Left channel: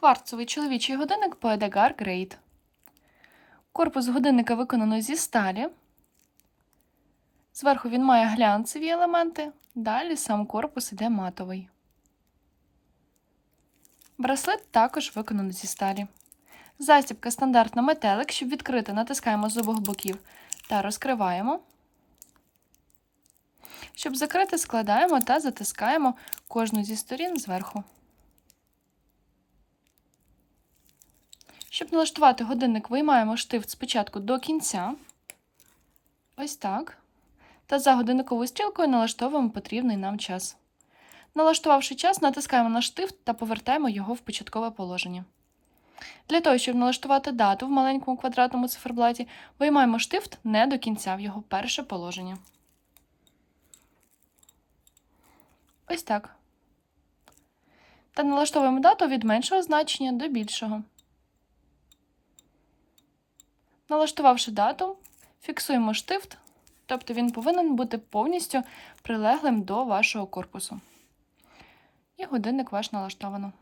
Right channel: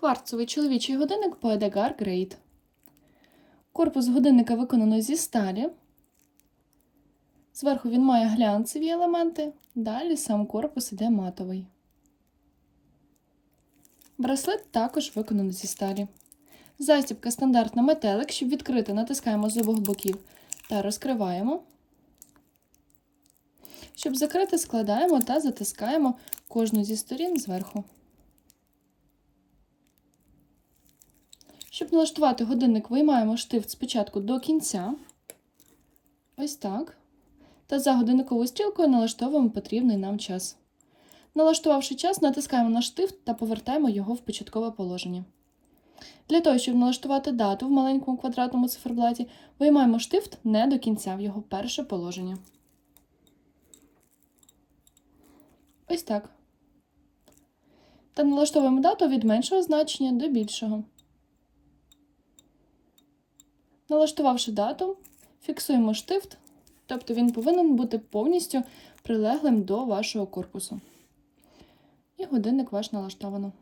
Кварцовий чоловічий годинник Poedegar Great. Корпус годинника виконано зі сталі. Зверху він має глянцеві елементи, далі сам корпус іде матовий. Браслет також виконано зі сталі. Застібка стандартна метелик, щоб відкрити, натискаємо з обох боків та розкриваємо. Щоб закрити, складаємо та затискаємо кожну зі сторін зверху. Щоб налаштувати годинник, виймаємо штифт спочатку до кінця. Ось так. Та за годинниковою стрілкою налаштовуємо потрібний нам час. Налаштувавши час, натискаємо на штифт та повертаємо його в початкове положення. Для того, щоб налаштувати дату в маленькому квадратному циферблаті, виймаємо штифт не до кінця в його перше положення. Ось так. Та налаштовуємо дату від меншого значення до більшого. Налаштувавши дату, фіксуємо штифт, тобто він повинен бути повністю прилеглим до вашого корпусу. І годинник ваш налаштовано.